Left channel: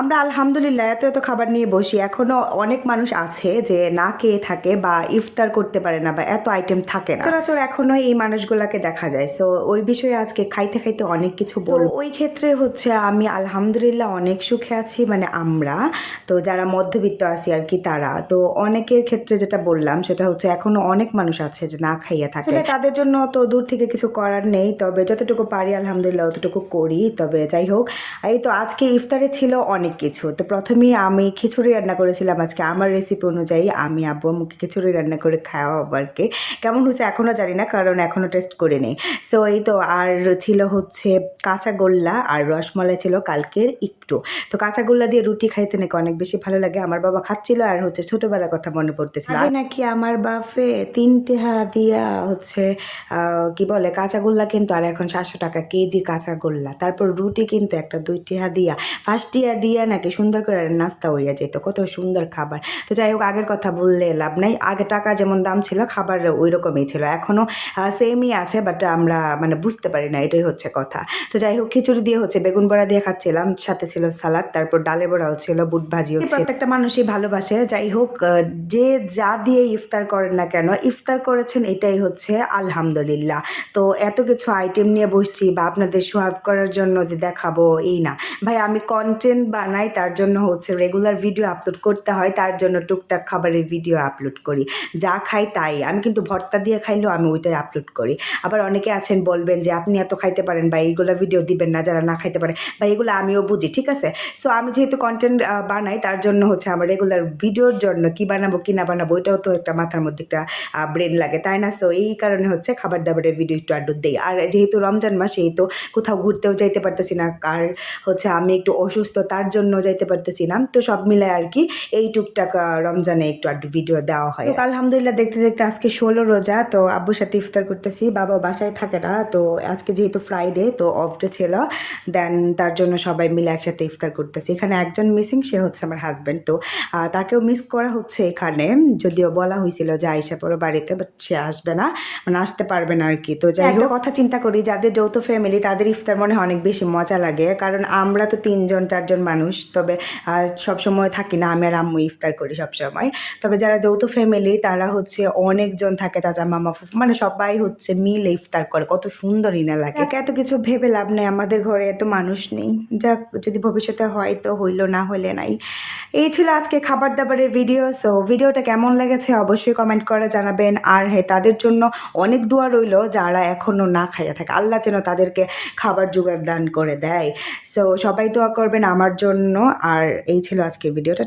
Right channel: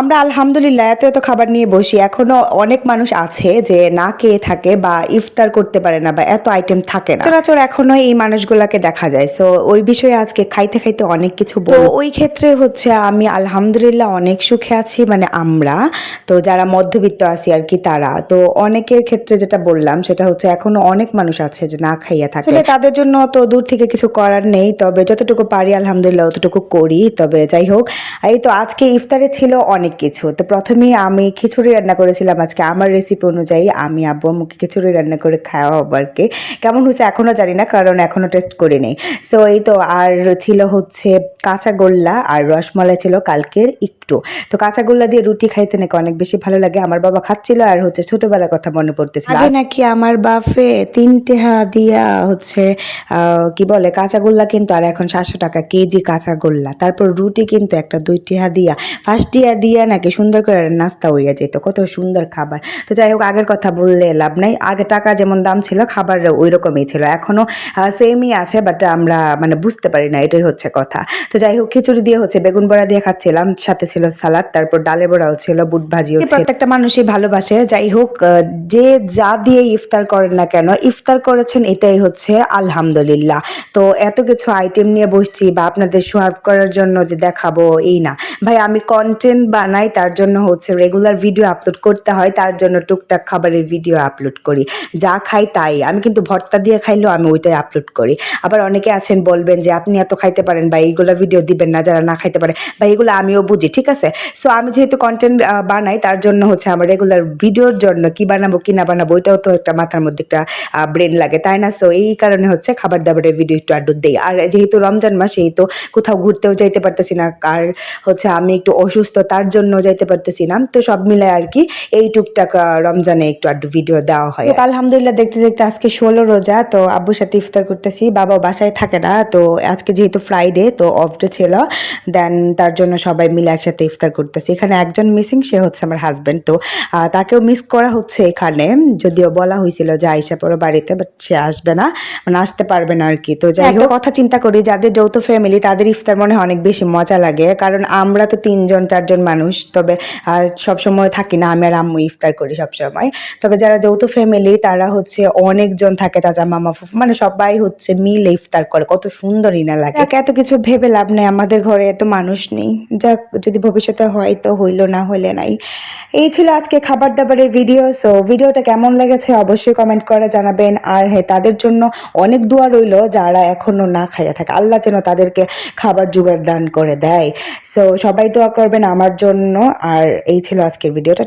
আমরা আলহামদুলিল্লাহ এত এত খাবার নিয়ে বসি, এখনো অনেক মানুষ আছে যে না খেয়ে থাকে বা ইফতার করতে পারে না বা এত আইটেম থাকে না। সচরাচর এখনো এই মানুষগুলাকে দেখা যায়। সো ওই বিষয়ে আজকে খাইতে খাইতে অনেক কিছু বলবো। ওই ক্ষেত্রে হচ্ছে আমি আলহামদুলিল্লাহ অনেক সুখে আছি, মানে আমরা তো যারা মধ্যবিত্ত আছি আর কি তারা তো অনেকের ক্ষেত্রে যেটা বললাম সেটা হচ্ছে এখনো অনেক মানুষ আছে যে না খাইয়া থাকে। আসলে তাদের জন্য তো দূর থেকে কিছু করার নেই, তবে যতটুকু পারি আলহামদুলিল্লাহ অতটুকু করি। তবে যাই হোক, এই তো আজকে ইফতারে ছিল অনেক কিছু। তো প্রথমেই আমি খিচুড়ি রান্না করেছিলাম আজকে আমার রেসিপি অনুযায়ী। আমি আব্বু আম্মুকে খিচুড়ি রান্না করে খাওয়াবো আর কি। কেমন হয়েছে এখনো জানি না, কারণ এখনো টেস্ট করি নাই। সো এই তো আর ছিল হচ্ছে কাঁচাগোল্লা আর রসমালাই ছিল কালকের একটু। তো কাঁচাগোল্লা দিয়ে রুটি খাইতে নাকি অনেক বেশি ভালো লাগে। আমার বাবা খাচ্ছিল আর হচ্ছে ছোটবেলার কথা মনে পড়তেছিল। আগে নাকি আমার বাপে ৩ টেহা দিয়া হচ্ছে কি বলে কাঁচাগোল্লা কিন্তু, আর এখন ৭০০ টাকা কেজি কাঁচাগোল্লা। তারপর রুটি কিন্তু একটা ২ টিহা দিয়া, ৫ টিহা দিয়া নাকি সুন্দর করে নাস্তা হইয়া যেত। কত সুন্দর খাবার। তো যাই হোক, আগের কথা বললে লাভ নাই। আগে টাকা যেমন দাম ছিল খাবার ওই রকমই ছিল, এখনো সেমই আছে, বাট আমরা মানে বুঝতে পারি না, এটাই হচ্ছে কথা। তো যাই হোক, খিচুড়ি দিয়ে হচ্ছে বেগুন বড়া দিয়ে খাচ্ছিলাম, সাথে ছিল সালাদ, তারপর ডালে বড়াও ছিল, বুট ভাজিও ছিল। প্রত্যেকটা মানুষই ভালোবাসে। যাই হোক, যে যা দিয়ে ইফতার করেন না কেন, ইফতার করেছেন এটাই হচ্ছে আলহামদুলিল্লাহ। তো এত কিছু আইটেম নিয়ে বসছি বা আপনাদের সার্ভ করার জন্য যে দেখাবো এই না ভাই, আমি কন্টেন্ট বানাই, তার জন্য হচ্ছে রেগুলার ভিডিও আপলোড করতে হয়, তার জন্য টুকটাক খাবারের ভিডিও আপলোড করি। যা খাই তাই, আমি কিন্তু ভর্তা দিয়ে খাইলেও আমি ওইটাই আপলোড করি। আবার অনেকে আছেন বলবেন যে আপনি এত খাইতে পারেন বা এইগুলো ভিডিও দিবেন না যারা না খাইতে পারে, বা এগুলো আমিও বুঝি, ঠিক আছে। সো আমি যেহেতু কন্টেন্ট বানাই, তার জন্য হচ্ছে আমার রেগুলার ভিডিওর জন্য কি বানাবো কি না বানাবো ওইটাও তো একটা মাথার মধ্যে একটা ব্রেন লাগে, তাই না? সো এই কারণে হচ্ছে খাবার দাবারের ভিডিও একটু আড্ডু দেই। আর যেহেতু রমজান মাস, এই তো কোথাও ঘুরতেও যাইতে পারতেছি না, আর হচ্ছে আমি একটু অসুস্থ, তার জন্য যাইতে পারতেছি না। তো সব মিলে আর কি এই টুকটাক রমজানে একটু আড্ডু ভিডিও দেওয়া হয়। আলহামদুলিল্লাহ দেখতে দেখতে আজকে ১৬ রোজা, তো আব্বুর সাথে ইফতার করতেছি। বাবা বাসায় থাকে না, তো আজকে যেহেতু ফ্রাইডে তো অফ ডে ছিল, দেন তার জন্য সবাই মিলে একসাথে ইফতার করতেছি। এখানে একজন মিসিং, সে হচ্ছে আমার হাজবেন্ড। তো তাকেও মিস করা হচ্ছে এখানে, যদিও বলা হয়েছিল যে আইসা পড়ো বাড়িতে, বাট সে আসবে না, মানে আসতে পারবে না আর কি। তো যাই হোক, কথা চিন্তা করি যাদের যৌথ ফ্যামিলি তাদের ইফতার মনে হয় অনেক বেশি মজা লাগে, কারণ আমরা তো ৩ জন ৪ জন মানুষ, তবে সবসময় থাকি না, আমি আর আম্মু ইফতার করি সবসময়। তবে যারা যৌথ ফ্যামিলি তারা হচ্ছে অনেকজন থাকে, চাচা মামা ফুফু, মানে সবাই হচ্ছে মিলে ইফতার করে, কত সুন্দরই না লাগে। এত কিছু ভেবে লাভ নেই, আমাদের ঘরে এত মানুষ নেই। যাক, যদি ভবিষ্যতে হয় তো হইলো, না হইলে নাই। এই ছিল আজকে খাবার দাবারের ভিডিও। সো ভিডিওটা কেমন লেগেছে অবশ্যই কমেন্ট করে জানাবেন। আর হ্যাঁ, তাদের জন্য অনেক দোয়া রইলো যারা এখনো না খাইয়া থাকে, আল্লাহ যেন তাদেরকে খাবার জোগাড় দান করে দেয়। সো সবাই দোয়া করবেন আমার জন্য। আর এই ছিল আজকের ভিডিওটা।